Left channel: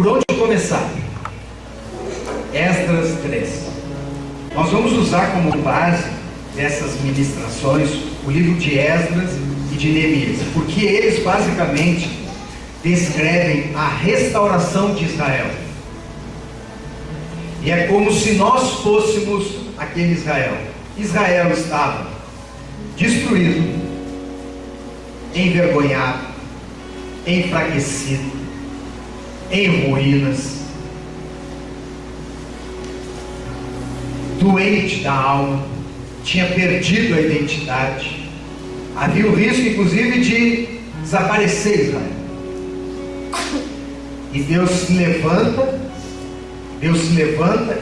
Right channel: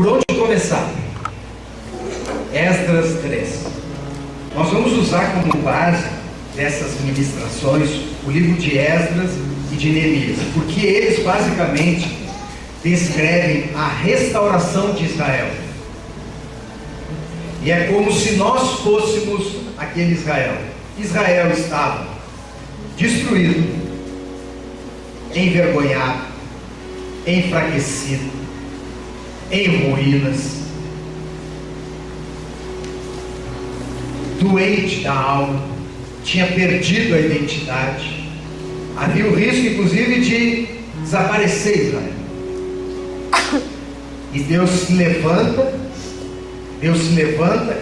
Por onde começar? Esdras 3. Nós vamos usar como base dessas ministrações o livro de Esdras e de Neemias, porque eles basicamente descrevem a restauração de Israel. E é como se nós fôssemos aquele Israel. Israel estava destruído, envergonhado, enfraquecido, em ruínas, doente da alma, tinha perdido a identidade. Havia o risco, inclusive, de desaparecer Israel. E Deus se levanta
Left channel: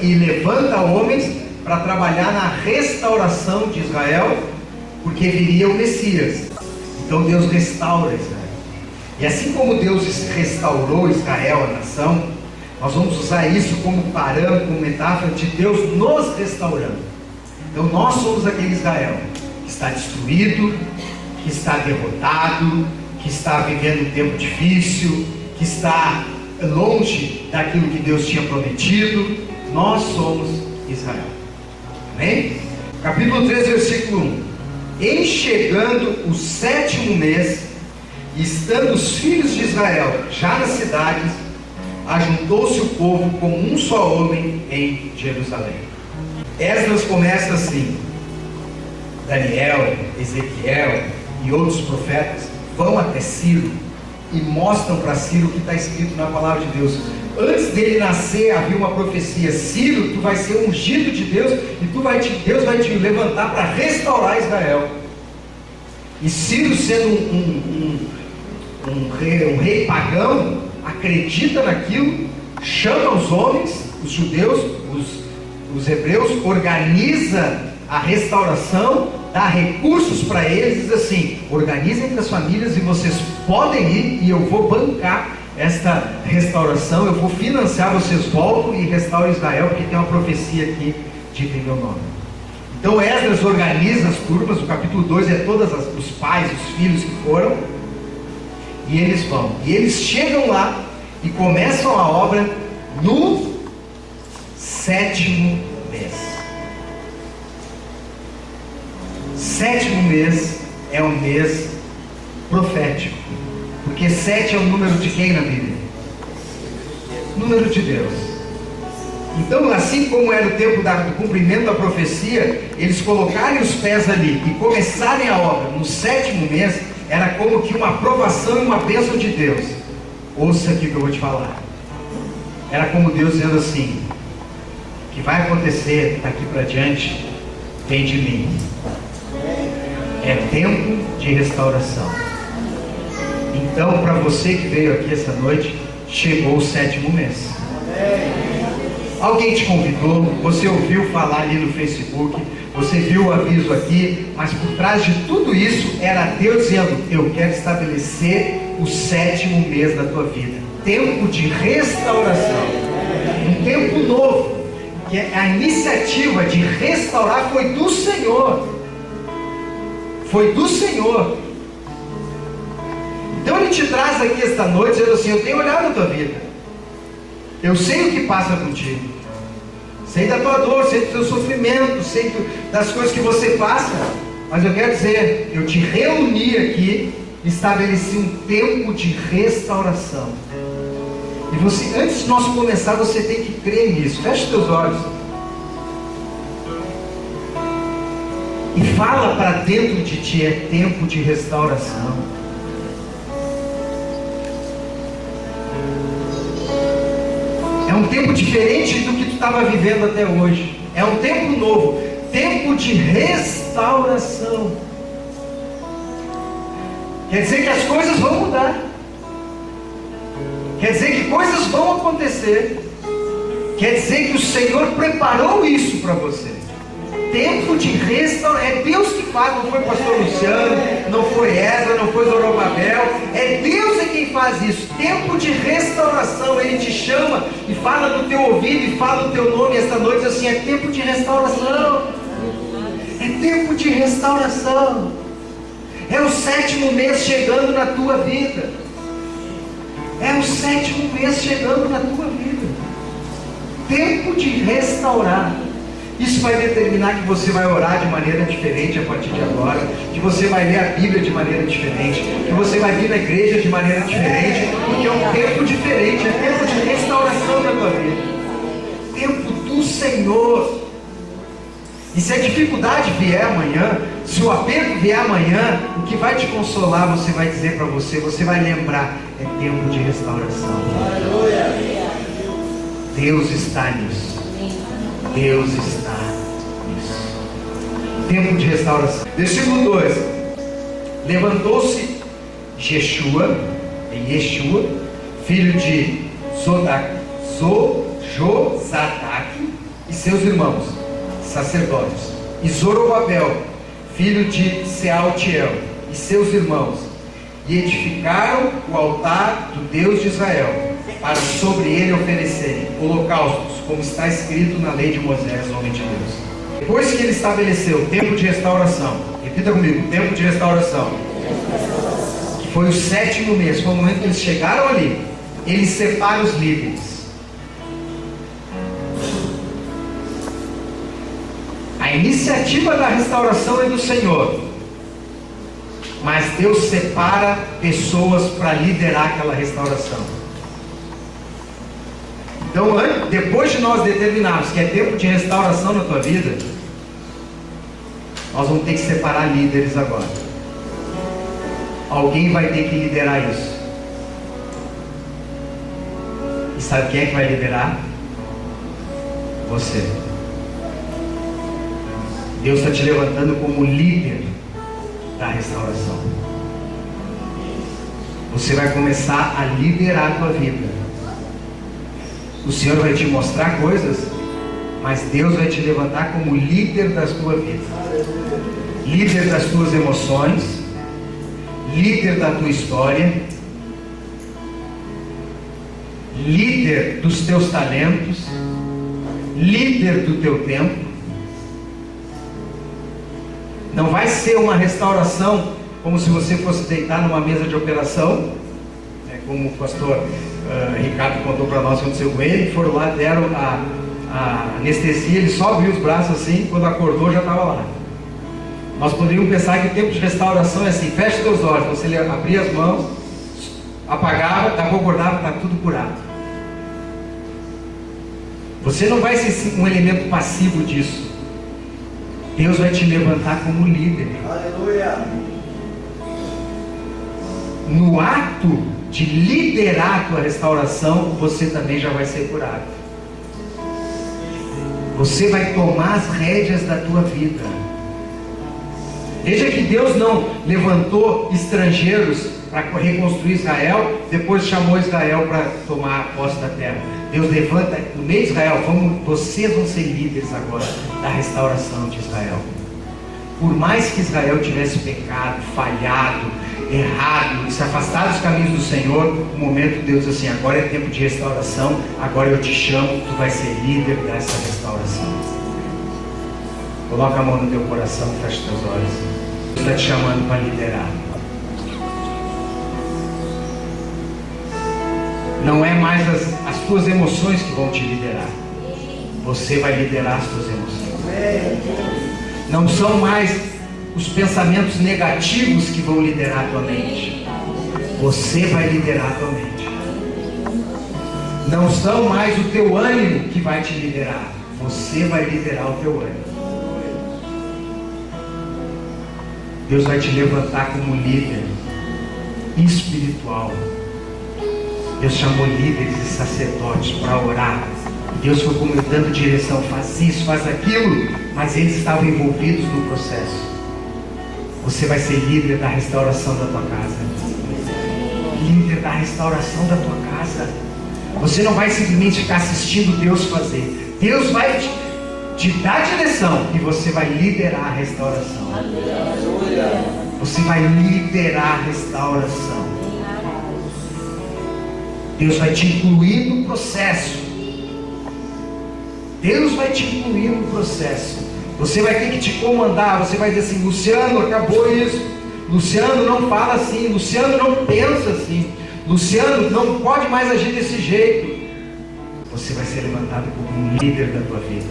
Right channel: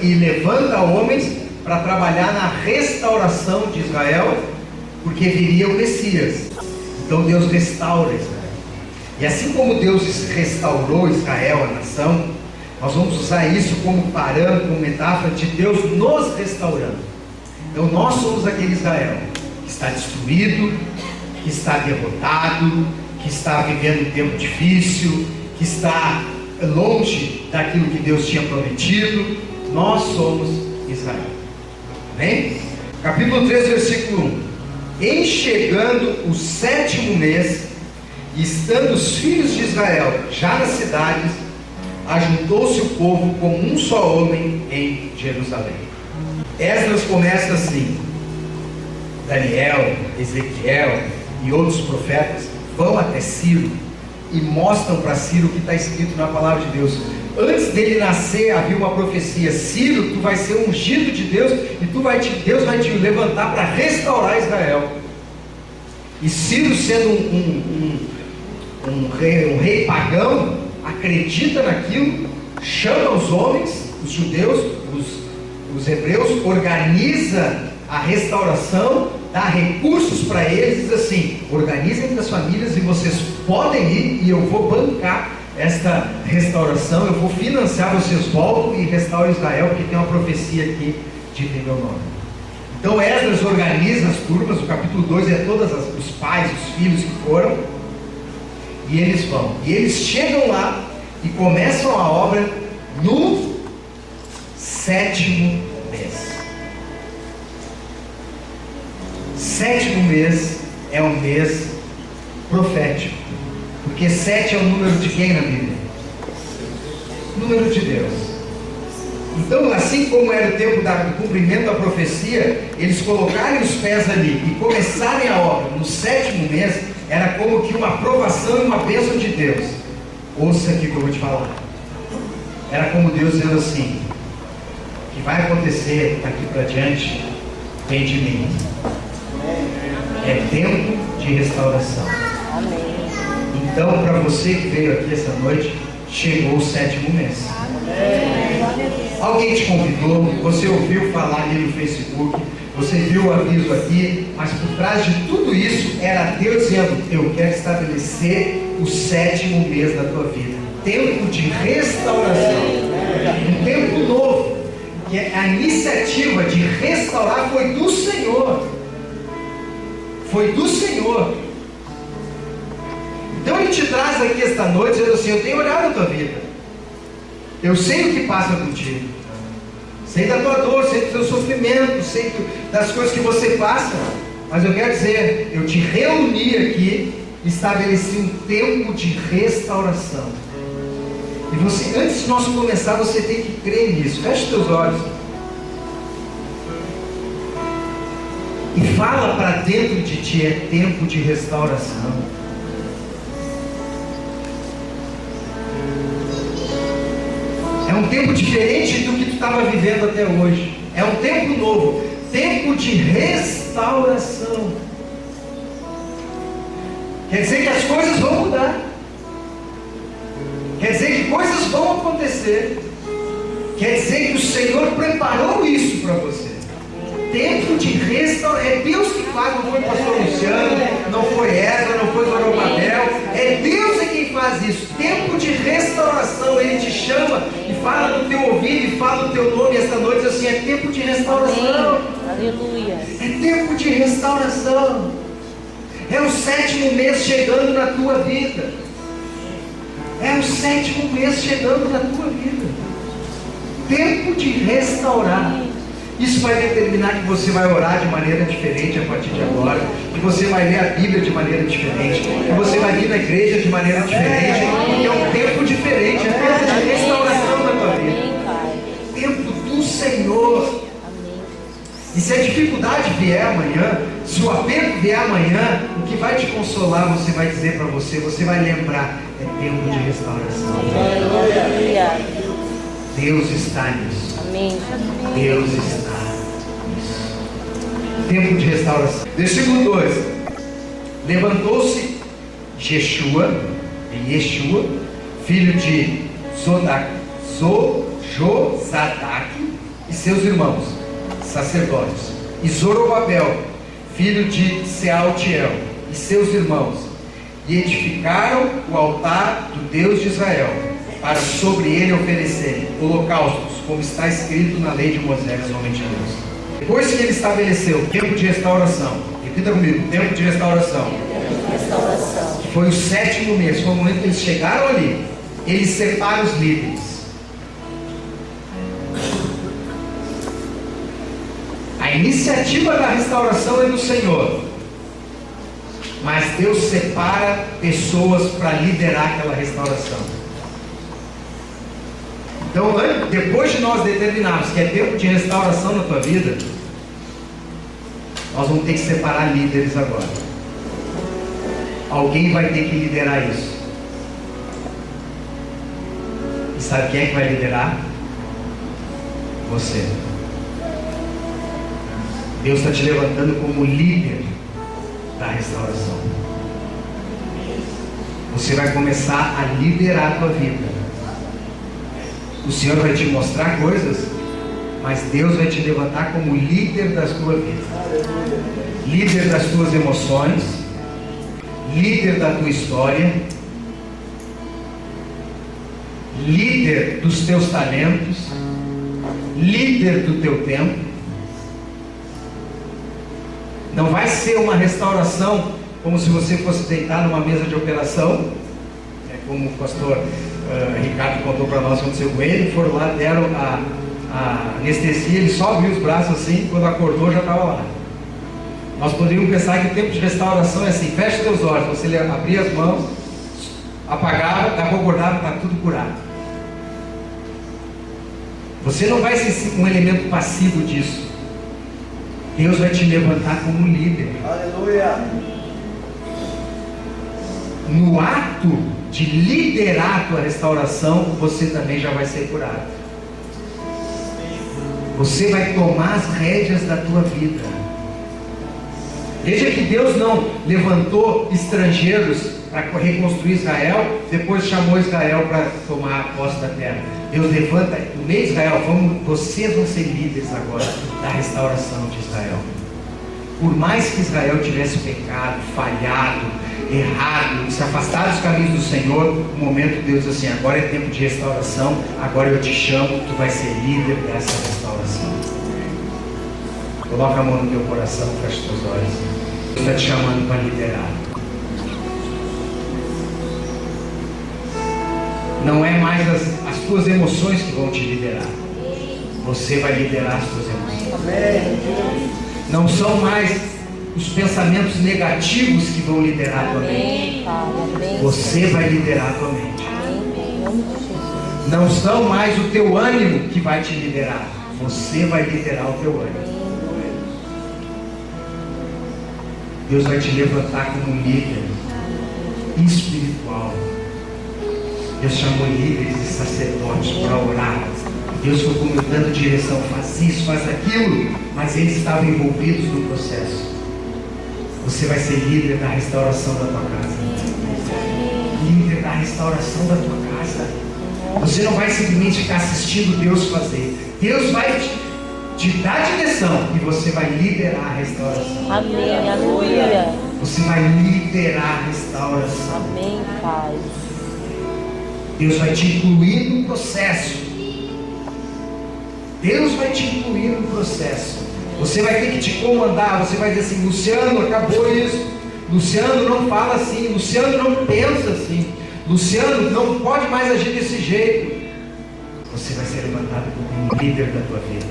e levanta homens para trabalhar na restauração de Israel, porque viria o Messias. Então Deus restaura Israel. E assim como Deus restaurou Israel, a nação, nós vamos usar isso como parâmetro, como metáfora de Deus nos restaurando. Então nós somos aquele Israel que está destruído, que está derrotado, que está vivendo um tempo difícil, que está longe daquilo que Deus tinha prometido. Nós somos Israel. Amém? Capítulo 3, versículo 1. Em chegando o 7º mês, e estando os filhos de Israel já nas cidades, ajuntou-se o povo como um só homem em Jerusalém. Esdras começa assim: Daniel, Ezequiel e outros profetas vão até Ciro e mostram para Ciro o que está escrito na palavra de Deus. Antes dele nascer havia uma profecia: Ciro, tu vai ser ungido de Deus e Deus vai te levantar para restaurar Israel. E Ciro, sendo um rei pagão, acredita naquilo, chama os homens, os judeus, os hebreus, organiza a restauração, dá recursos para eles, diz assim: organizem entre as famílias e vocês podem ir e eu vou bancar esta restauração, eu vou financiar, vocês voltam e restauram Israel, porque tem uma profecia aqui dita em meu nome. Então Esdras organiza as turmas, o capítulo 2 é todos os pais, os filhos que foram, e eles vão, e eles chegam lá e começam a obra no 7º mês. 7º mês é um mês profético, porque 7 é o número de quem na Bíblia? Número de Deus. Então, assim como era o tempo do cumprimento da profecia, eles colocarem os pés ali e começarem a obra no 7º mês, era como que uma aprovação e uma bênção de Deus. Ouça aqui o que eu vou te falar. Era como Deus dizendo assim: o que vai acontecer daqui para diante vem de mim. É tempo de restauração. Então, para você que veio aqui essa noite, chegou o 7º mês. Alguém te convidou, você ouviu falar ali no Facebook, você viu o aviso aqui, mas por trás de tudo isso era Deus dizendo: eu quero estabelecer o 7º mês da tua vida. Tempo de restauração, um tempo novo. E a iniciativa de restaurar foi do Senhor. Foi do Senhor. Então Ele te traz aqui esta noite dizendo assim: eu tenho olhado a tua vida, eu sei o que passa contigo, sei da tua dor, sei do teu sofrimento, sei das coisas que você passa, mas eu quero dizer, eu te reuni aqui, estabeleci um tempo de restauração. E você, antes de nós começar, você tem que crer nisso. Feche os teus olhos e fala para dentro de ti: é tempo de restauração. É um tempo diferente do que tu estava vivendo até hoje. É um tempo novo, tempo de restauração. Quer dizer que as coisas vão mudar. Quer dizer que coisas vão acontecer. Quer dizer que o Senhor preparou isso para você. Tempo de restauração. É Deus que faz, não foi o pastor Luciano, não foi Ezra, não foi Zorobabel. É Deus quem faz isso. Tempo de restauração. Ele te chama e fala no teu ouvido e fala no teu nome esta noite assim: é tempo de restauração. É tempo de restauração. É o 7º mês chegando na tua vida. É o 7º mês chegando na tua vida. Tempo de restaurar. Isso vai determinar que você vai orar de maneira diferente a partir de agora, que você vai ler a Bíblia de maneira diferente, que você vai vir na igreja de maneira diferente, porque é um tempo diferente, é tempo de restauração na tua vida. Tempo do Senhor. E se a dificuldade vier amanhã, se o aperto vier amanhã, o que vai te consolar, você vai dizer para você, você vai lembrar, é tempo de restauração. Deus está nisso. Deus está nisso. Tempo de restauração. Versículo 2. Levantou-se Yeshua, filho de Josadak, e seus irmãos, sacerdotes, e Zorobabel, filho de Sealtiel, e seus irmãos, e edificaram o altar do Deus de Israel, para sobre ele oferecerem holocaustos, como está escrito na lei de Moisés, homem de Deus. Depois que ele estabeleceu o tempo de restauração, repita comigo, tempo de restauração, que foi o 7º mês, foi o momento que eles chegaram ali, ele separa os líderes. A iniciativa da restauração é do Senhor, mas Deus separa pessoas para liderar aquela restauração. Então, depois de nós determinarmos que é tempo de restauração na tua vida, nós vamos ter que separar líderes agora. Alguém vai ter que liderar isso. E sabe quem é que vai liderar? Você. Deus está te levantando como líder da restauração. Você vai começar a liderar a tua vida. O Senhor vai te mostrar coisas, mas Deus vai te levantar como líder da tua vida. Líder das tuas emoções, líder da tua história, líder dos teus talentos, líder do teu tempo. Não vai ser uma restauração como se você fosse deitar numa mesa de operação, como o pastor Ricardo contou para nós o que aconteceu com ele. Foram lá, deram a anestesia, ele só abriu os braços assim, quando acordou já estava lá. Nós poderíamos pensar que o tempo de restauração é assim: fecha teus olhos, você abria as mãos, apagava, daqui a pouco acordava, está tudo curado. Você não vai ser um elemento passivo disso. Deus vai te levantar como líder. Aleluia. No ato de liderar a tua restauração, você também já vai ser curado. Você vai tomar as rédeas da tua vida. Veja que Deus não levantou estrangeiros para reconstruir Israel, depois chamou Israel para tomar a posse da terra. Deus levanta no meio de Israel, vocês vão ser líderes agora da restauração de Israel. Por mais que Israel tivesse pecado, falhado, errado, se afastado dos caminhos do Senhor, no momento Deus diz assim: agora é tempo de restauração, agora eu te chamo, tu vais ser líder dessa restauração. Coloca a mão no teu coração, fecha os teus olhos. Deus está te chamando para liderar. Não é mais as tuas emoções que vão te liderar. Você vai liderar as tuas emoções. Não são mais os pensamentos negativos que vão liderar a tua mente. Você vai liderar a tua mente. Não são mais o teu ânimo que vai te liderar. Você vai liderar o teu ânimo. Deus vai te levantar como líder espiritual. Deus chamou líderes e sacerdotes para orar. Deus foi dando direção: faz isso, faz aquilo. Mas eles estavam envolvidos no processo. Você vai ser líder da restauração da tua casa. Líder da restauração da tua casa. Você não vai simplesmente ficar assistindo Deus fazer. Deus vai te dar direção e você vai liderar a restauração. Aleluia. Você vai liderar a restauração. Amém, Pai. Deus vai te incluir no processo. Deus vai te incluir no processo. Você vai ter que te comandar. Você vai dizer assim: Luciano, acabou isso. Luciano, não fala assim. Luciano, não pensa assim. Luciano, não pode mais agir desse jeito. Você vai ser levantado como um líder da tua vida.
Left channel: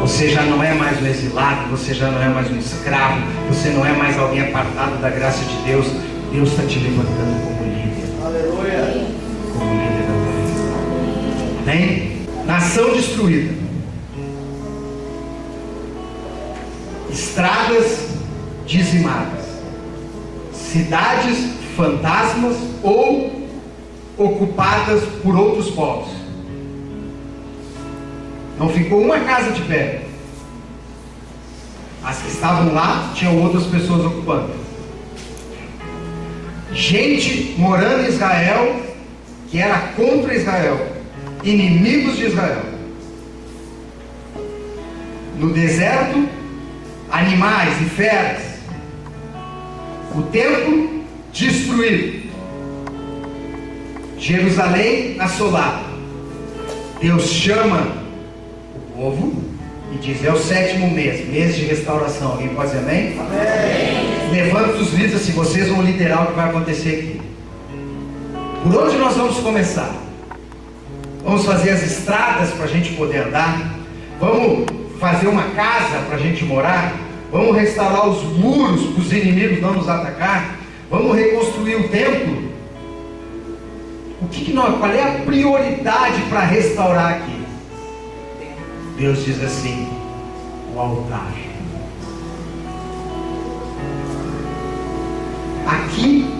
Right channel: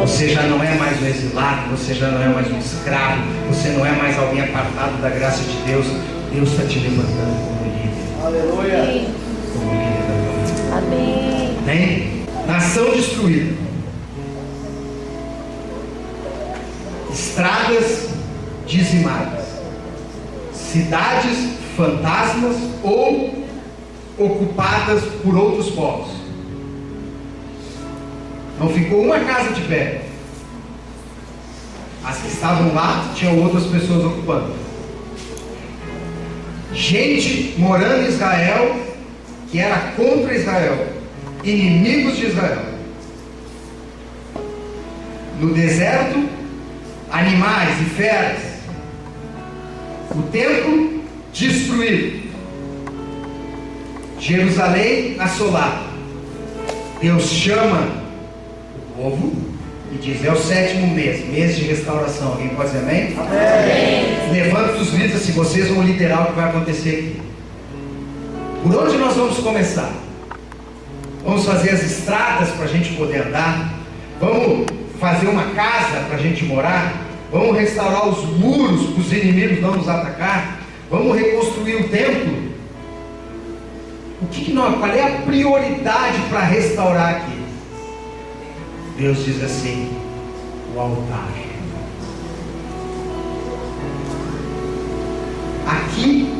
Você já não é mais um exilado, você já não é mais um escravo, você não é mais alguém apartado da graça de Deus. Deus está te levantando como líder. Aleluia. Como líder da tua vida. Amém. Amém? Nação destruída. Estradas dizimadas. Cidades fantasmas ou ocupadas por outros povos. Não ficou uma casa de pé. As que estavam lá tinham outras pessoas ocupando. Gente morando em Israel que era contra Israel, inimigos de Israel. No deserto, animais e feras. O templo destruído. Jerusalém assolada. Deus chama o povo e diz: é o 7º mês, mês de restauração. Alguém pode dizer amém? Amém. Levanta os vídeos assim, vocês vão liderar o que vai acontecer aqui. Por onde nós vamos começar? Vamos fazer as estradas para a gente poder andar. Vamos fazer uma casa para a gente morar. Vamos restaurar os muros para os inimigos não nos atacar. Vamos reconstruir o templo. Qual é a prioridade para restaurar aqui? Deus diz assim: o altar. Aqui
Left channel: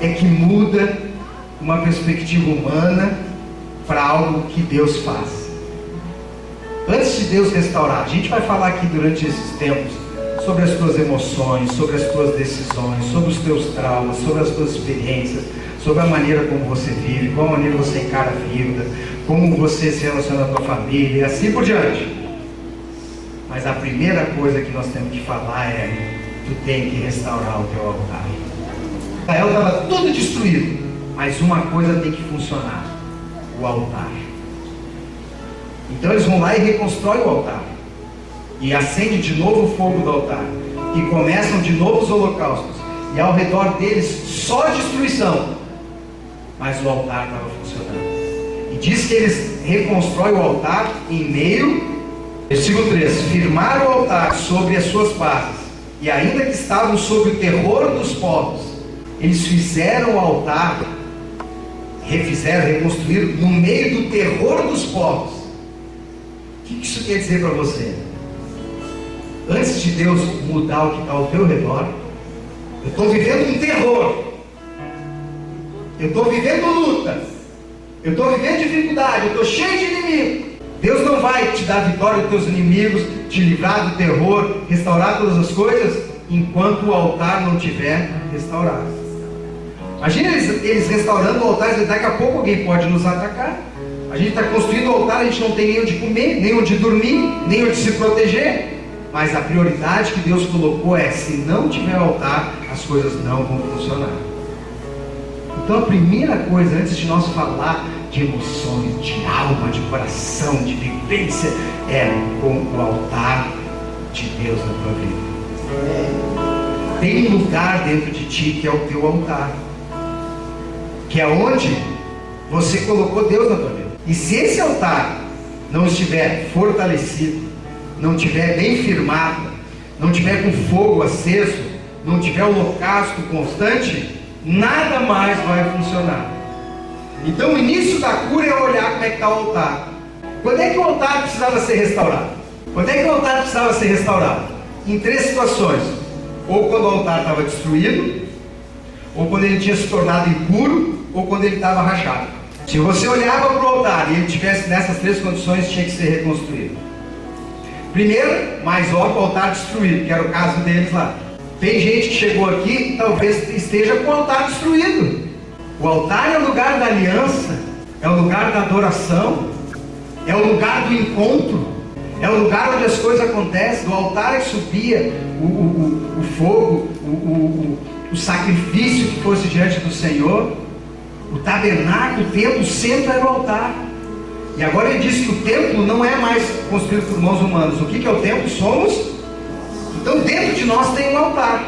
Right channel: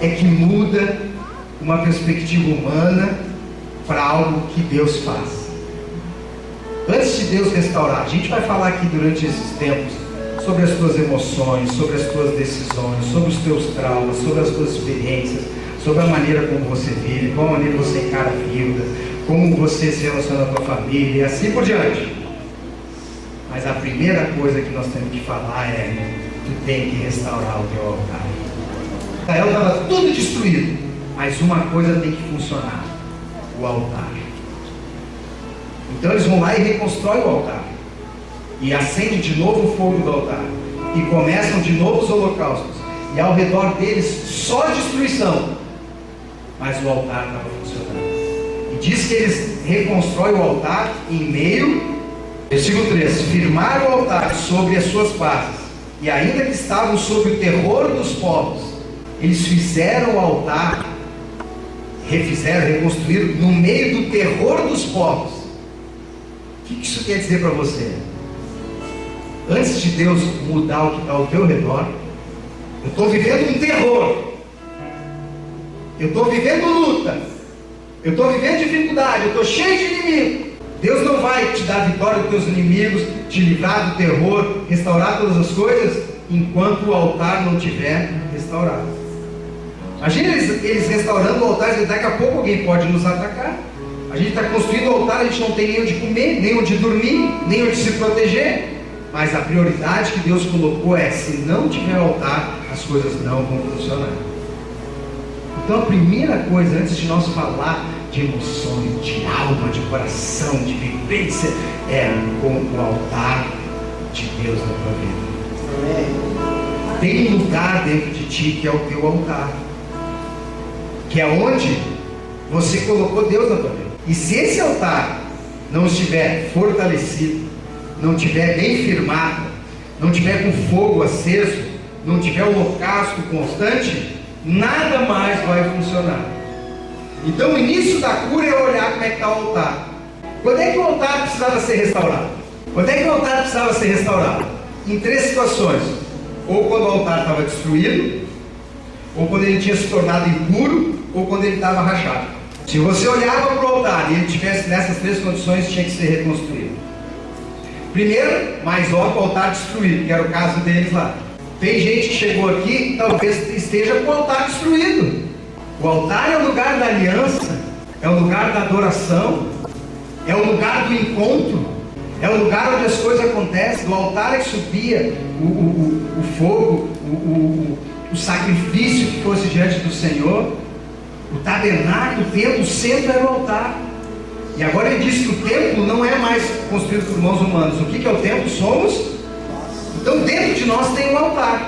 é que muda uma perspectiva humana para algo que Deus faz. Antes de Deus restaurar, a gente vai falar aqui durante esses tempos sobre as tuas emoções, sobre as tuas decisões, sobre os teus traumas, sobre as tuas experiências, sobre a maneira como você vive, qual a maneira você encara a vida, como você se relaciona com a tua família e assim por diante. Mas a primeira coisa que nós temos que falar é: tu tem que restaurar o teu altar. Israel estava tudo destruído, mas uma coisa tem que funcionar: o altar. Então eles vão lá e reconstroem o altar, e acendem de novo o fogo do altar, e começam de novo os holocaustos, e ao redor deles só destruição, mas o altar estava funcionando. E diz que eles reconstroem o altar em meio, versículo 3: firmaram o altar sobre as suas bases, e ainda que estavam sob o terror dos povos, eles fizeram o altar, reconstruíram no meio do terror dos povos. O que isso quer dizer para você? Antes de Deus mudar o que está ao teu redor, eu estou vivendo um terror, eu estou vivendo luta, eu estou vivendo dificuldade, eu estou cheio de inimigo. Deus não vai te dar vitória dos teus inimigos, te livrar do terror, restaurar todas as coisas, enquanto o altar não estiver restaurado. Imagina eles restaurando o altar, e daqui a pouco alguém pode nos atacar. A gente está construindo o altar, a gente não tem nem onde comer, nem onde dormir, nem onde se proteger. Mas a prioridade que Deus colocou é: se não tiver altar, as coisas não vão funcionar. Então a primeira coisa, antes de nós falar de emoções, de alma, de coração, de vivência, é com o altar de Deus na tua vida. Tem um lugar dentro de ti que é o teu altar, que é onde você colocou Deus na tua vida. E se esse altar não estiver fortalecido, não estiver bem firmado, não estiver com fogo aceso, não tiver holocausto constante, nada mais vai funcionar. Então o início da cura é olhar como é que está o altar. Quando é que o altar precisava ser restaurado? Quando é que o altar precisava ser restaurado? Em 3 situações: ou quando o altar estava destruído, ou quando ele tinha se tornado impuro, ou quando ele estava rachado. Se você olhava para o altar e ele estivesse nessas 3 condições, tinha que ser reconstruído. Primeiro, mais óbvio, o altar destruído, que era o caso deles lá. Tem gente que chegou aqui e talvez esteja com o altar destruído. O altar é o lugar da aliança, é o lugar da adoração, é o lugar do encontro, é o lugar onde as coisas acontecem. Do altar é que subia o fogo, o sacrifício que fosse diante do Senhor. O tabernáculo, o templo, sempre era o altar. E agora ele diz que o templo não é mais construído por mãos humanas. O que é o templo? Somos. Então dentro de nós tem um altar.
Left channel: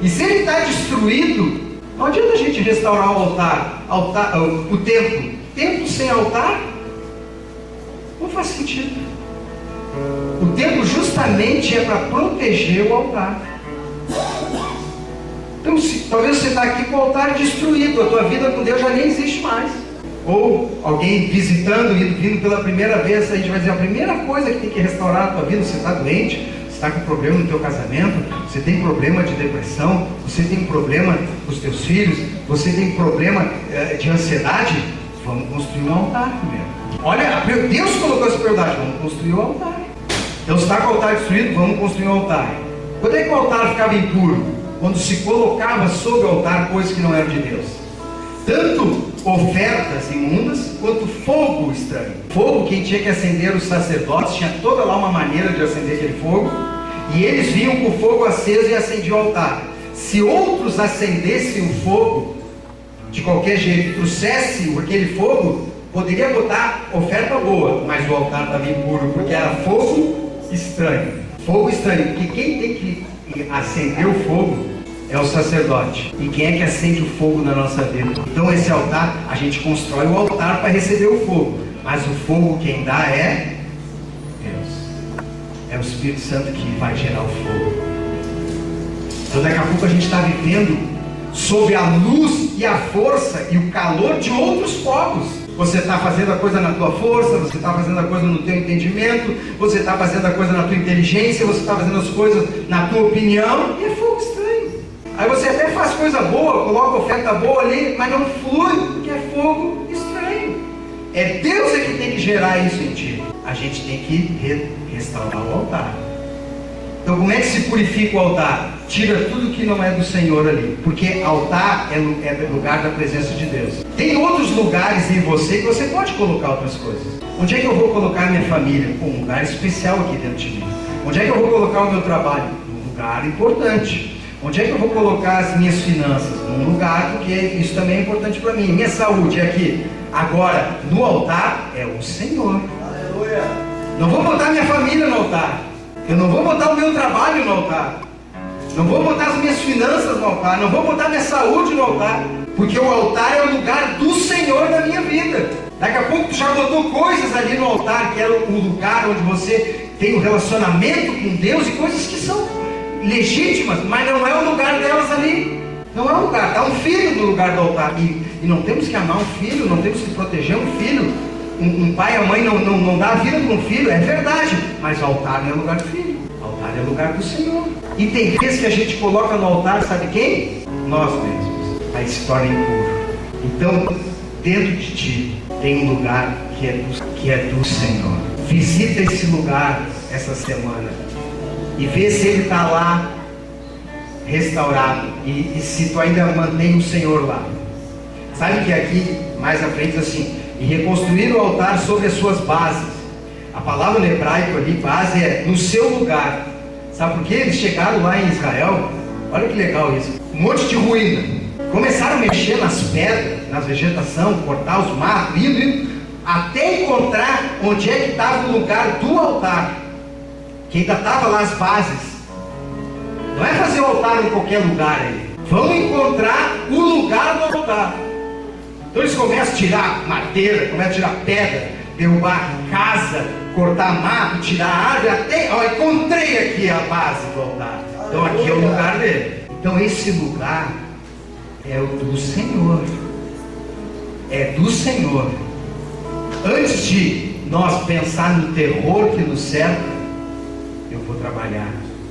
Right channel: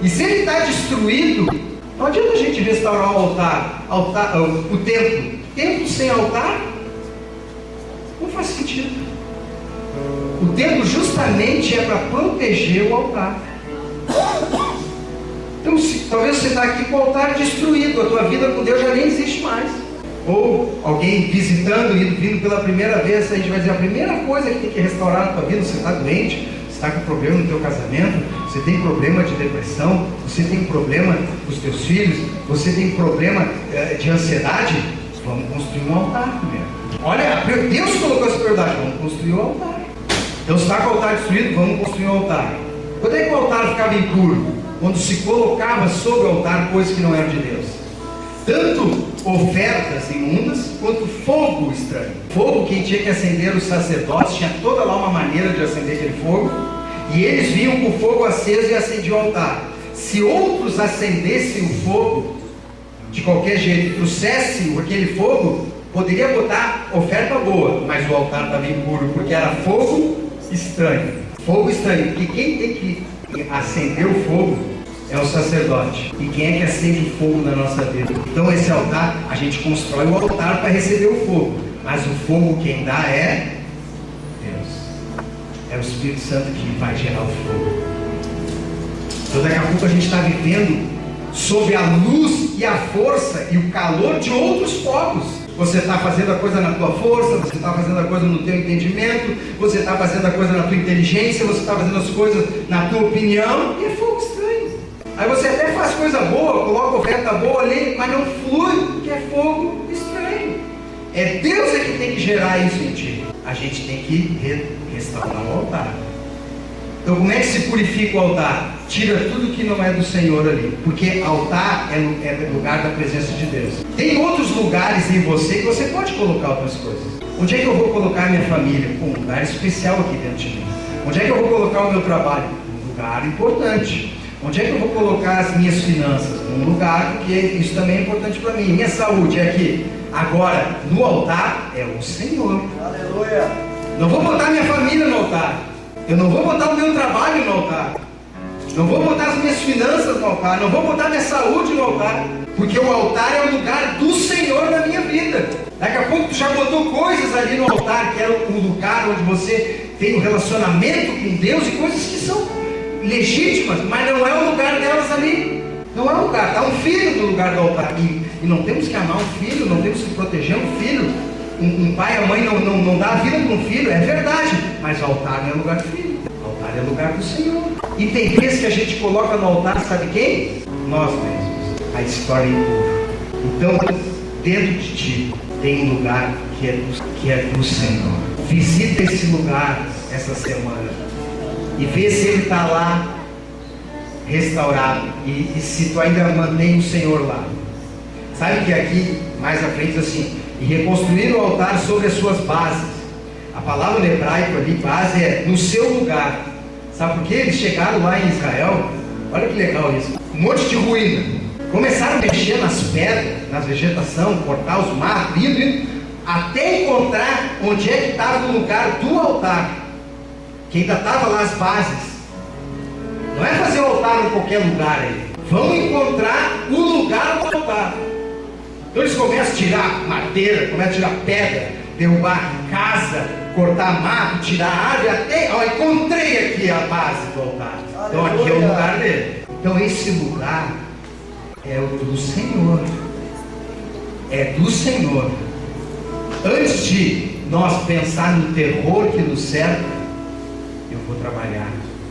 E se ele está destruído, Não adianta a gente restaurar o o templo. Templo sem altar não faz sentido. O templo justamente é para proteger o altar. Então, talvez você está aqui com o altar destruído, a tua vida com Deus já nem existe mais. Ou alguém visitando, vindo pela primeira vez, a gente vai dizer: a primeira coisa que tem que restaurar a tua vida, você está doente, você está com problema no teu casamento, você tem problema de depressão, você tem problema com os teus filhos, você tem problema de ansiedade, vamos construir um altar primeiro. Olha, Deus colocou essa prioridade, vamos construir um altar. Então, se está com o altar destruído, vamos construir um altar. Quando é que o altar ficava impuro? Quando se colocava sobre o altar coisas que não eram de Deus. Tanto ofertas imundas, quanto fogo estranho. Fogo, quem tinha que acender os sacerdotes, tinha toda lá uma maneira de acender aquele fogo, e eles vinham com o fogo aceso e acendiam o altar. Se outros acendessem o fogo, de qualquer jeito, trouxessem aquele fogo, poderia botar oferta boa, mas o altar estava impuro, porque era fogo estranho. Fogo estranho, porque quem tem que acender o fogo é o sacerdote. E quem é que acende o fogo na nossa vida? Então esse altar, a gente constrói o altar para receber o fogo, mas o fogo quem dá é Deus. É o Espírito Santo que vai gerar o fogo. Então daqui a pouco a gente está vivendo sob a luz e a força e o calor de outros povos. Você está fazendo a coisa na tua força, você está fazendo a coisa no teu entendimento, você está fazendo a coisa na tua inteligência, você está fazendo as coisas na tua opinião, e é fogo estranho. Aí você até faz coisa boa, coloca oferta boa ali, mas não flui, porque é fogo estranho. É Deus que tem que gerar isso em ti. A gente tem que restaurar o altar. Então como é que se purifica o altar? Tira tudo que não é do Senhor ali, porque altar é lugar da presença de Deus. Tem outros lugares em você que você pode colocar outras coisas. Onde é que eu vou colocar minha família? Um lugar especial aqui dentro de mim. Onde é que eu vou colocar o meu trabalho? Um lugar importante. Onde é que eu vou colocar as minhas finanças? Um lugar, porque isso também é importante para mim. Minha saúde é aqui. Agora, no altar é o Senhor. Aleluia. Não vou botar minha família no altar. Eu não vou botar o meu trabalho no altar. Não vou botar as minhas finanças no altar. Não vou botar minha saúde no altar. Porque o altar é o lugar do Senhor na minha vida. Daqui a pouco tu já botou coisas ali no altar, que era o lugar onde você tem um relacionamento com Deus, e coisas que são legítimas, mas não é o lugar delas ali. Não é o lugar. Está um filho no lugar do altar. E não temos que amar um filho, não temos que proteger um filho. Um pai e a mãe não dá a vida para um filho, é verdade. Mas o altar não é lugar do filho. O altar é lugar do Senhor. E tem vezes que a gente coloca no altar, sabe quem? Nós mesmos. Aí se torna impuro. Então, dentro de ti tem um lugar que é do Senhor. Visita esse lugar essa semana e vê se ele está lá restaurado, e se tu ainda mantém o Senhor lá. Sabe que aqui mais à frente assim: e reconstruir o altar sobre as suas bases. A palavra no hebraico ali, base, é no seu lugar. Sabe por quê? Eles chegaram lá em Israel, olha que legal isso, um monte de ruína. Começaram a mexer nas pedras, nas vegetação, cortar os matos, indo, até encontrar onde é que estava o lugar do altar, que ainda estava lá as bases. Não é fazer o altar em qualquer lugar aí. Vão encontrar o lugar do altar. Então eles começam a tirar madeira, começam a tirar pedra, derrubar casa, cortar mato, tirar árvore, até, ó, encontrei aqui a base do altar. Então aqui é o lugar dele. Então esse lugar é o do Senhor. É do Senhor. Antes de nós pensar no terror que nos cerca, eu vou trabalhar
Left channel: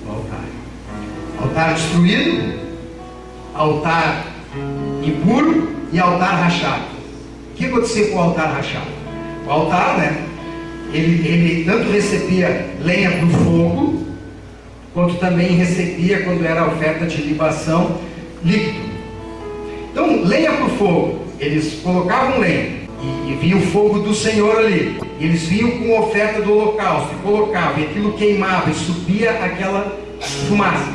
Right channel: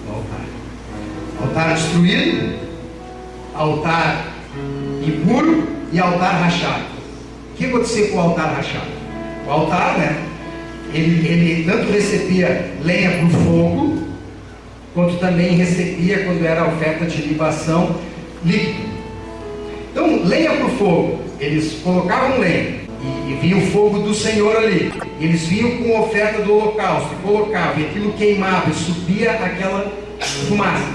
no altar. Altar destruído, altar impuro e altar rachado. O que aconteceu com o altar rachado? O altar, né? Ele tanto recebia lenha para o fogo, quanto também recebia, quando era a oferta de libação, líquido. Então, lenha para o fogo, eles colocavam lenha, e vinha o fogo do Senhor ali. Eles vinham com a oferta do holocausto, e colocavam, e aquilo queimava, e subia aquela fumaça.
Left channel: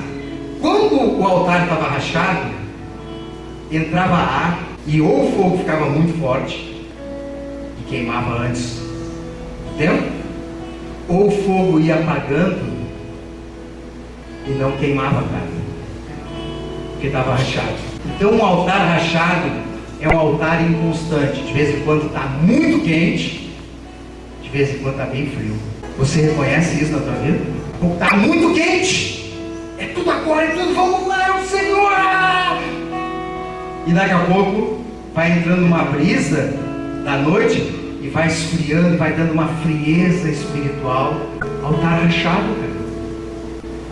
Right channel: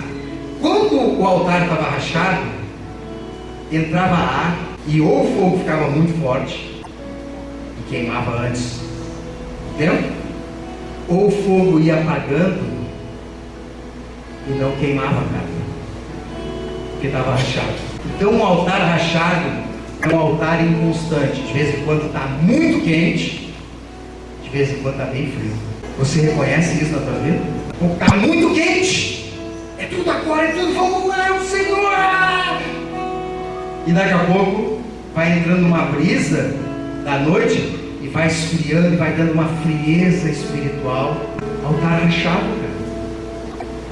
Quando o altar estava rachado, entrava ar, e ou o fogo ficava muito forte, e queimava antes do tempo, ou o fogo ia apagando, e não queimava a carne, porque estava rachado. Então um altar rachado é um altar inconstante. De vez em quando está muito quente, de vez em quando está bem frio. Você reconhece isso na tua vida? Está muito quente, é tudo agora, é tudo, vamos lá, é o Senhor. E daqui a pouco vai entrando uma brisa da noite e vai esfriando, e vai dando uma frieza espiritual. Altar rachado, cara.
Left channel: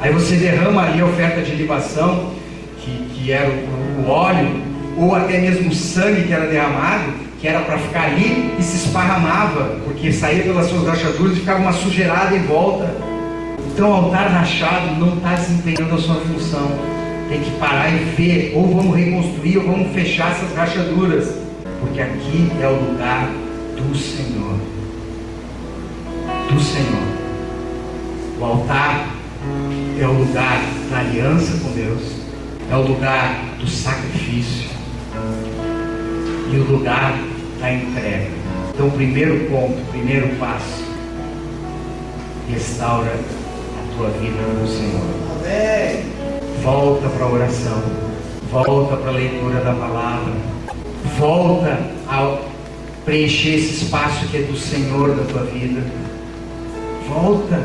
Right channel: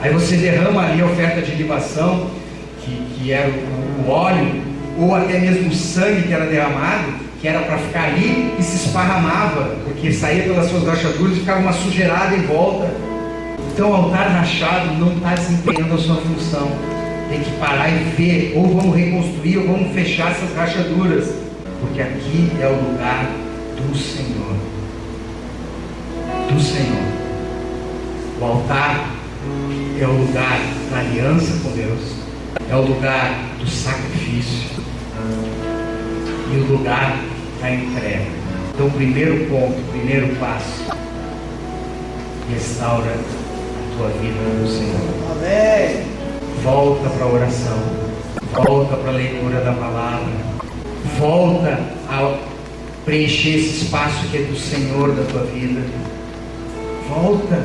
Aí você derrama ali a oferta de libação, que era o óleo, ou até mesmo o sangue que era derramado, que era para ficar ali e se esparramava, porque saía pelas suas rachaduras e ficava uma sujeirada em volta. Então o altar rachado não está desempenhando a sua função. Tem que parar e ver, ou vamos reconstruir, ou vamos fechar essas rachaduras, porque aqui é o lugar do Senhor. Do Senhor. O altar é o lugar da aliança com Deus, é o lugar do sacrifício e o lugar da entrega. Então, primeiro ponto, primeiro passo: restaura a tua vida no Senhor. Amém. Volta para a oração, volta para a leitura da palavra, volta a preencher esse espaço que é do Senhor da tua vida. Volta,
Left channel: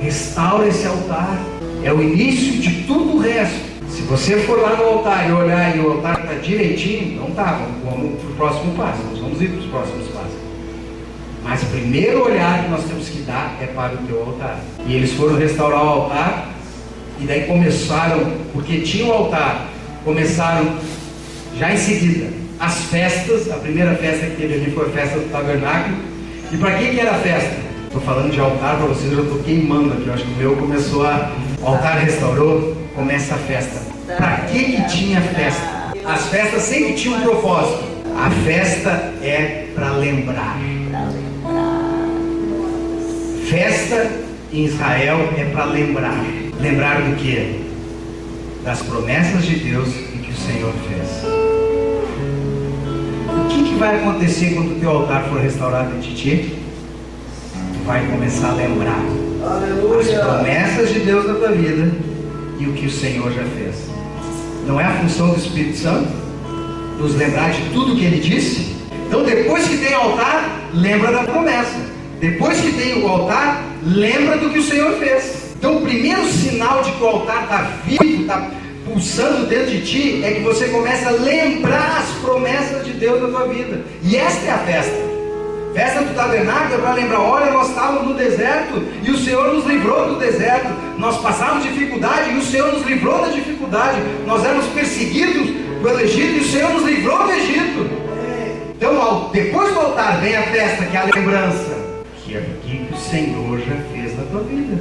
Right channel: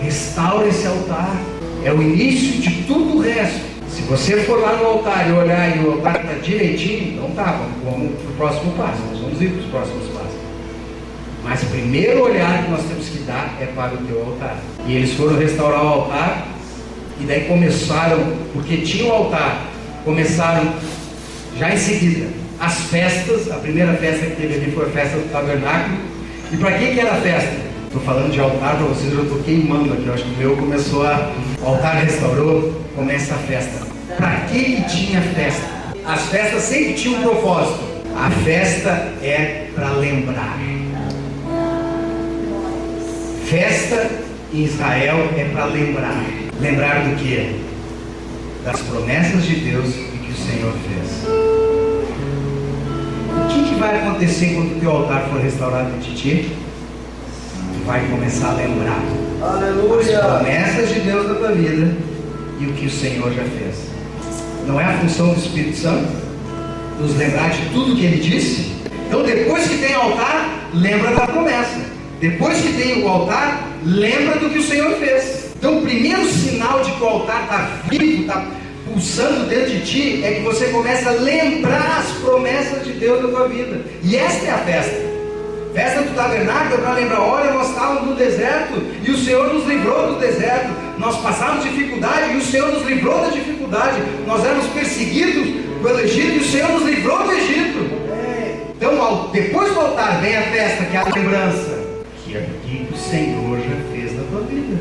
restaura esse altar. É o início de tudo o resto. Se você for lá no altar e olhar e o altar está direitinho, não está. Vamos para o próximo passo. Nós vamos ir para os próximos passos. Mas o primeiro olhar que nós temos que dar é para o teu altar. E eles foram restaurar o altar, e daí começaram, porque tinha o altar, começaram já em seguida as festas. A primeira festa que teve ali foi a festa do tabernáculo. E para que era a festa? Estou falando de altar para vocês, eu já estou queimando aqui. Eu acho que o meu começou a... O altar restaurou, começa a festa. Para que tinha festa? As festas sempre tinham um propósito. A festa é para lembrar. Festa em Israel é para lembrar. Lembrar do quê? Das promessas de Deus e que o Senhor fez. O que vai acontecer quando o teu altar for restaurado em ti? Tu vai começar a lembrar. Aleluia. As promessas de Deus na tua vida e o que o Senhor já fez. Não é a função do Espírito Santo nos lembrar de tudo que Ele disse? Então, depois que tem altar, lembra da promessa. Depois que tem o altar, lembra do que o Senhor fez. Então, o primeiro sinal de que o altar está vivo, está pulsando dentro de ti, é que você começa a lembrar as promessas de Deus na tua vida. E esta é a festa. Festa do tabernáculo é para lembrar: olha, nós estávamos no deserto e o Senhor nos livrou do deserto. Nós passávamos dificuldade e o Senhor nos livrou da dificuldade. Nós éramos perseguidos pelo Egito e o Senhor nos livrou do Egito. Então, depois do altar vem a festa, que é a lembrança, que é aquilo que o Senhor já fez na tua vida.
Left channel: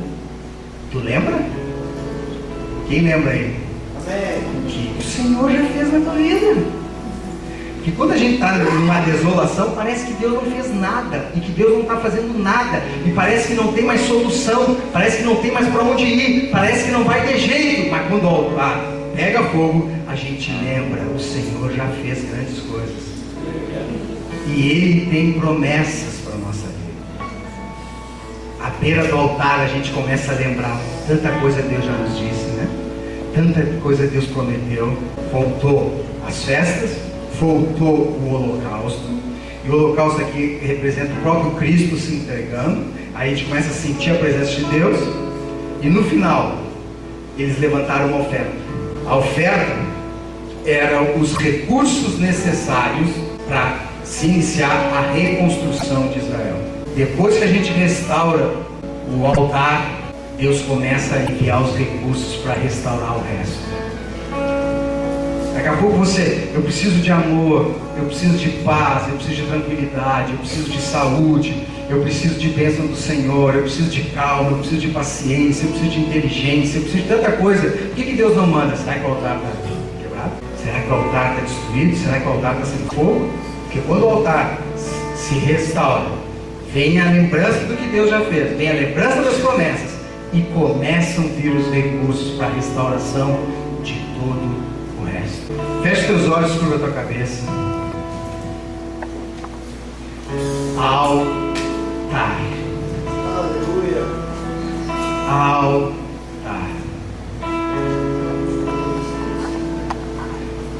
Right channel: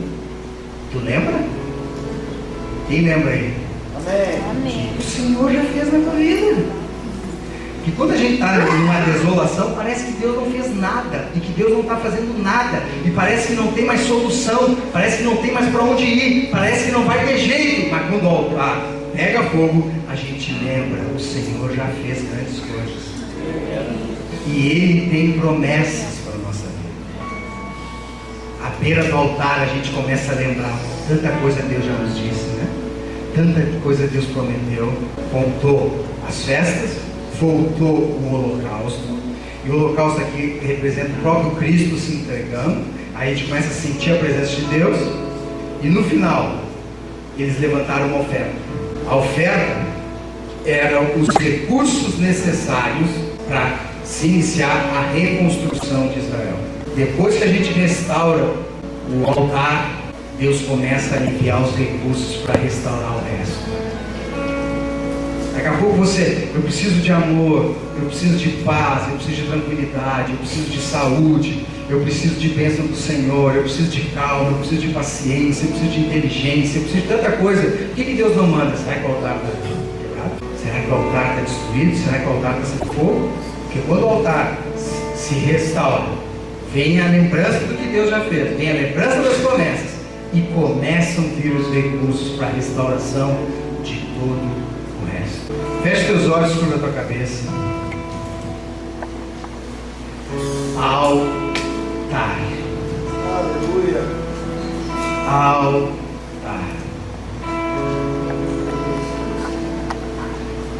Tu lembra? Quem lembra aí? Amém. Que o Senhor já fez na tua vida. Porque quando a gente está numa desolação, parece que Deus não fez nada, e que Deus não está fazendo nada, e parece que não tem mais solução, parece que não tem mais para onde ir, parece que não vai ter jeito. Mas quando o altar pega fogo, a gente lembra: o Senhor já fez grandes coisas, e Ele tem promessas para a nossa vida. À beira do altar a gente começa a lembrar: tanta coisa Deus já nos disse, né? Tanta coisa Deus prometeu. Voltou as festas, voltou o holocausto, e o holocausto aqui representa o próprio Cristo se entregando. Aí a gente começa a sentir a presença de Deus, e no final eles levantaram uma oferta. A oferta eram os recursos necessários para se iniciar a reconstrução de Israel. Depois que a gente restaura o altar, Deus começa a aliviar os recursos para restaurar o resto. Daqui a pouco eu preciso de amor, eu preciso de paz, eu preciso de tranquilidade, eu preciso de saúde, eu preciso de bênção do Senhor, eu preciso de calma, eu preciso de paciência, eu preciso de inteligência, eu preciso de tanta coisa. Por que Deus não manda? Será que o altar está quebrado? Será que o altar está destruído? Será que o altar está sem fogo? Porque quando o altar se restaura, vem a lembrança do que Deus já fez, vem a lembrança das promessas, e começam a vir os recursos para a restauração de todo o resto. Feche teus olhos, curva a tua cabeça. Altar. Aleluia. Altar.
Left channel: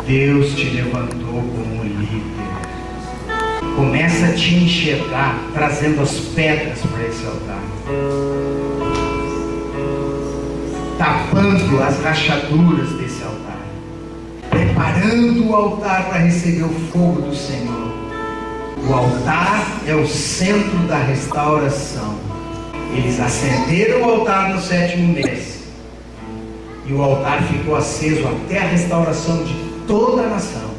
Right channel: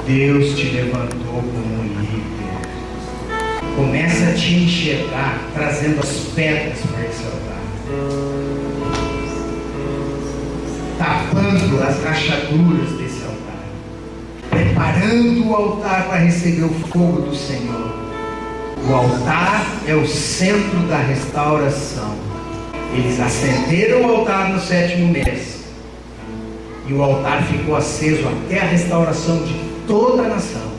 Deus te levantou como líder. Começa a te enxergar, trazendo as pedras para esse altar, tapando as rachaduras desse altar, preparando o altar para receber o fogo do Senhor. O altar é o centro da restauração. Eles acenderam o altar no 7º mês, e o altar ficou aceso até a restauração de toda a nação.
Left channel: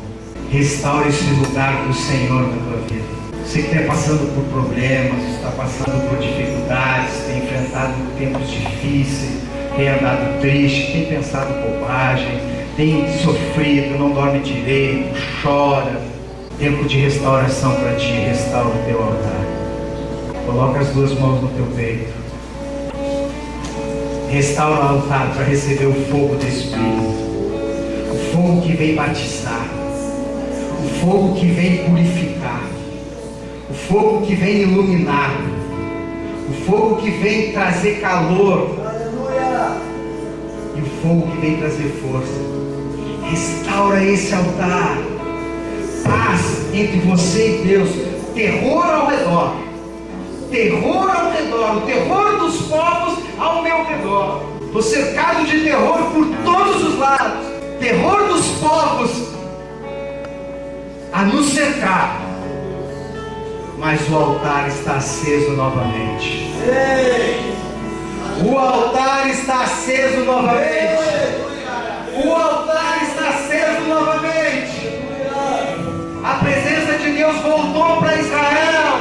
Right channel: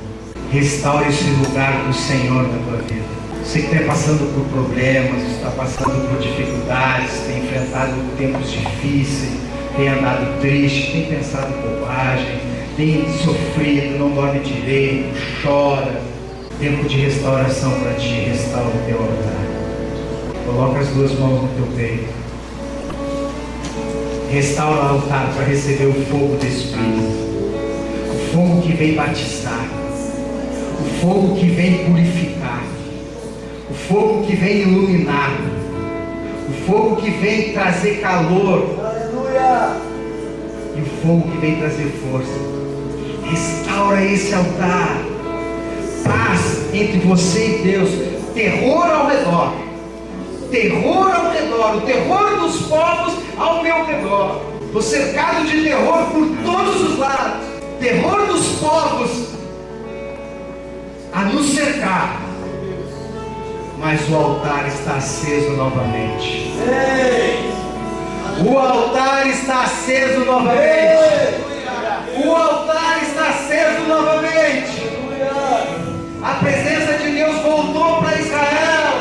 Restaure esse lugar do Senhor na tua vida. Você que está passando por problemas, está passando por dificuldades, tem enfrentado tempos difíceis, tem andado triste, tem pensado bobagem, tem sofrido, não dorme direito, chora. Tempo de restauração para ti. Restaura o teu altar. Coloca as duas mãos no teu peito. Restaura o altar para receber o fogo do Espírito. O fogo que vem batizar. O fogo que vem purificar. O fogo que vem iluminar. O fogo que vem trazer calor. Aleluia. E o fogo que vem trazer força. Restaura esse altar. Paz entre você e Deus. Terror ao redor. Terror ao redor. O terror dos povos ao meu redor. Estou cercado de terror por todos os lados. Terror dos povos a nos cercar. Mas o altar está aceso novamente. O altar está aceso novamente. O altar está aceso novamente. A presença de Deus voltou para Israel.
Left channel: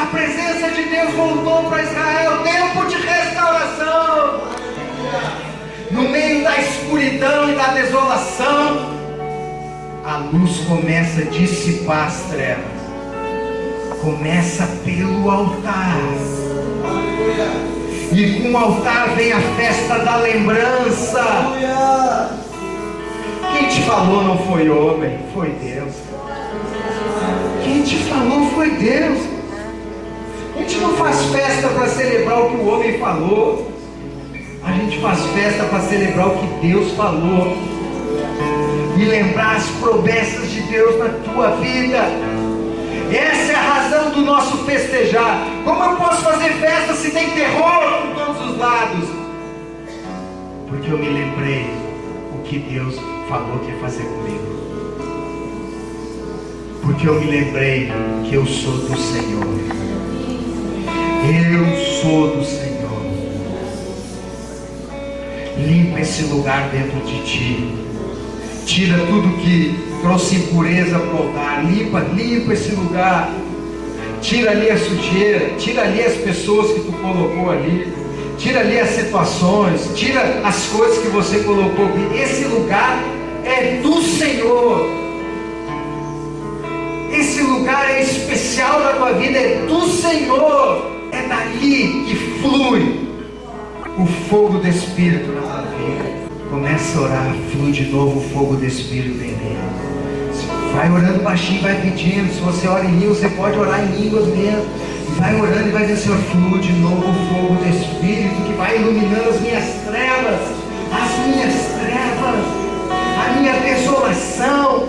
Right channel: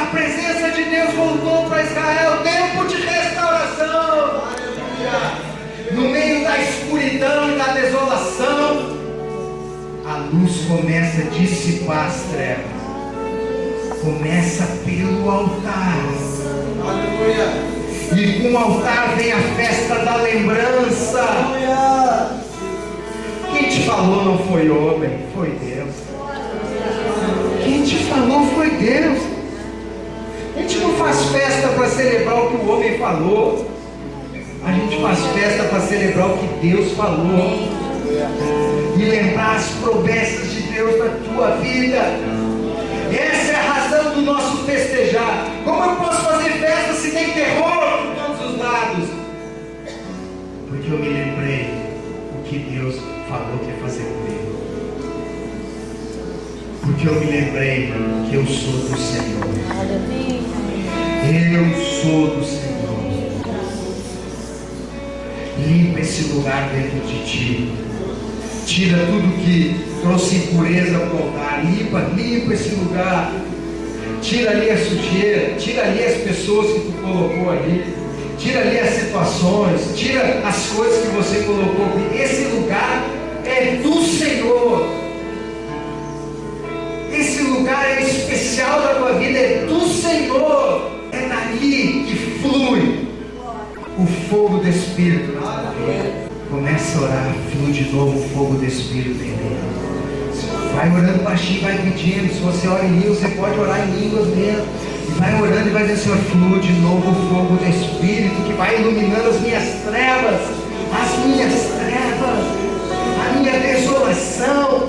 A presença de Deus voltou para Israel. Tempo de restauração. No meio da escuridão e da desolação, a luz começa a dissipar as trevas. Começa pelo altar. E com o altar vem a festa da lembrança. Quem te falou não foi homem, foi Deus. Quem te falou foi Deus. A gente não faz festa para celebrar o que o homem falou. A gente faz festa para celebrar o que Deus falou. E lembrar as promessas de Deus na tua vida. Essa é a razão do nosso festejar. Como eu posso fazer festa se tem terror por todos os lados? Porque eu me lembrei o que Deus falou que ia fazer comigo. Porque eu me lembrei que eu sou do Senhor. Eu sou do Senhor. Limpa esse lugar dentro de ti. Tira tudo que trouxe impureza para o altar. Limpa esse lugar. Tira ali a sujeira. Tira ali as pessoas que tu colocou ali. Tira ali as situações. Tira as coisas que você colocou ali. Esse lugar é do Senhor. Esse lugar é especial da tua vida. É do Senhor. É dali que flui o fogo do Espírito na tua vida. Começa a orar, flui de novo o fogo do Espírito em dele. Vai orando baixinho, vai pedindo. Se você ora em línguas, você pode orar em línguas mesmo. E vai orando e vai dizer, Senhor, flui de novo o fogo do Espírito, que vai iluminando as minhas trevas, a minha desolação.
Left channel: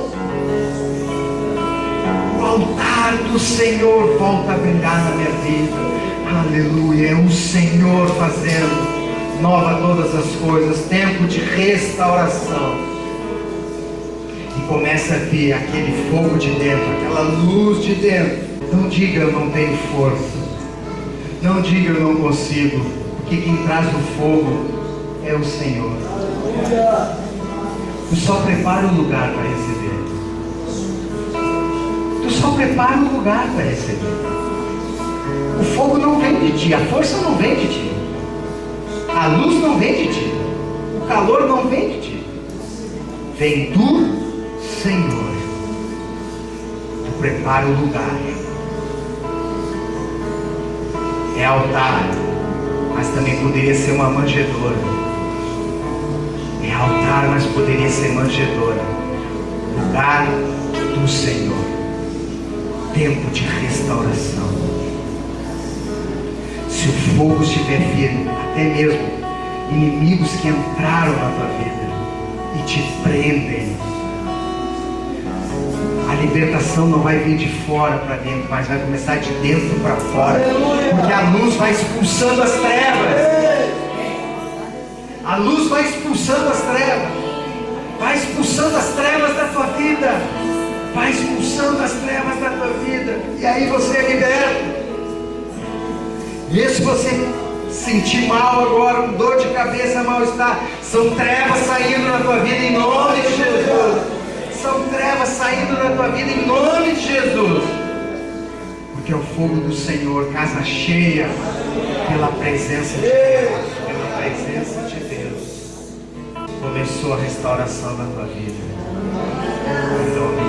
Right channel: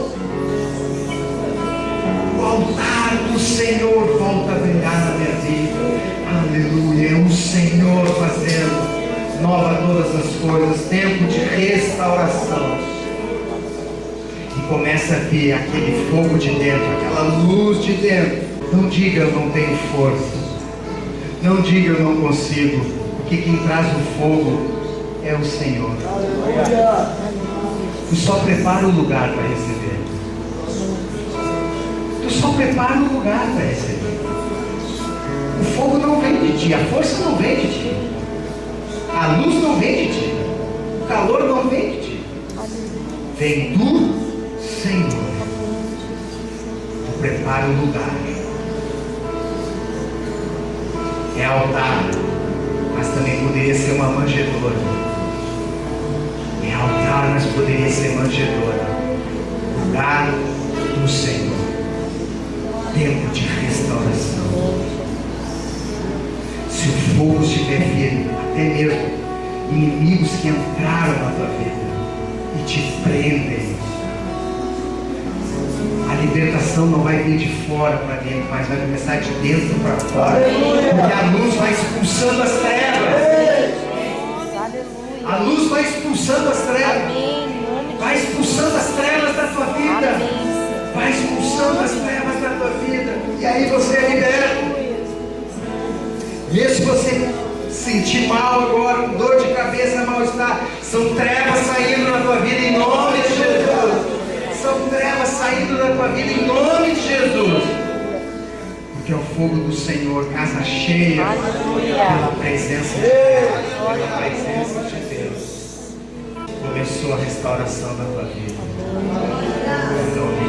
O altar do Senhor volta a brilhar na minha vida. Aleluia, é o Senhor fazendo nova todas as coisas, tempo de restauração. E começa a vir aquele fogo de dentro, aquela luz de dentro. Não diga eu não tenho força, não diga eu não consigo, porque quem traz o fogo é o Senhor. Tu só prepara o lugar para receber. Tu só prepara o lugar para receber. O fogo não vem de ti, a força não vem de ti. A luz não vem de ti, o calor não vem de ti, vem do Senhor. Tu prepara o lugar. É altar, mas também poderia ser uma manjedoura. É altar, mas poderia ser manjedoura. Lugar do Senhor. Tempo de restauração. Se o fogo estiver firme, até mesmo inimigos que entraram na tua vida e te prendem, libertação não vai vir de fora para dentro, mas vai começar de dentro para fora. Porque a luz vai expulsando as trevas. A luz vai expulsando as trevas. Vai expulsando as trevas da tua vida. Vai expulsando as trevas da tua vida. E aí você é liberto. Mesmo se você sentir mal agora, com dor de cabeça, mal-estar, são trevas saindo na tua vida em nome de Jesus. São trevas saindo da tua vida em nome de Jesus. Porque é o fogo do Senhor, casa cheia pela presença de Deus. Pela presença de Deus. Começou a restauração da tua vida. Em nome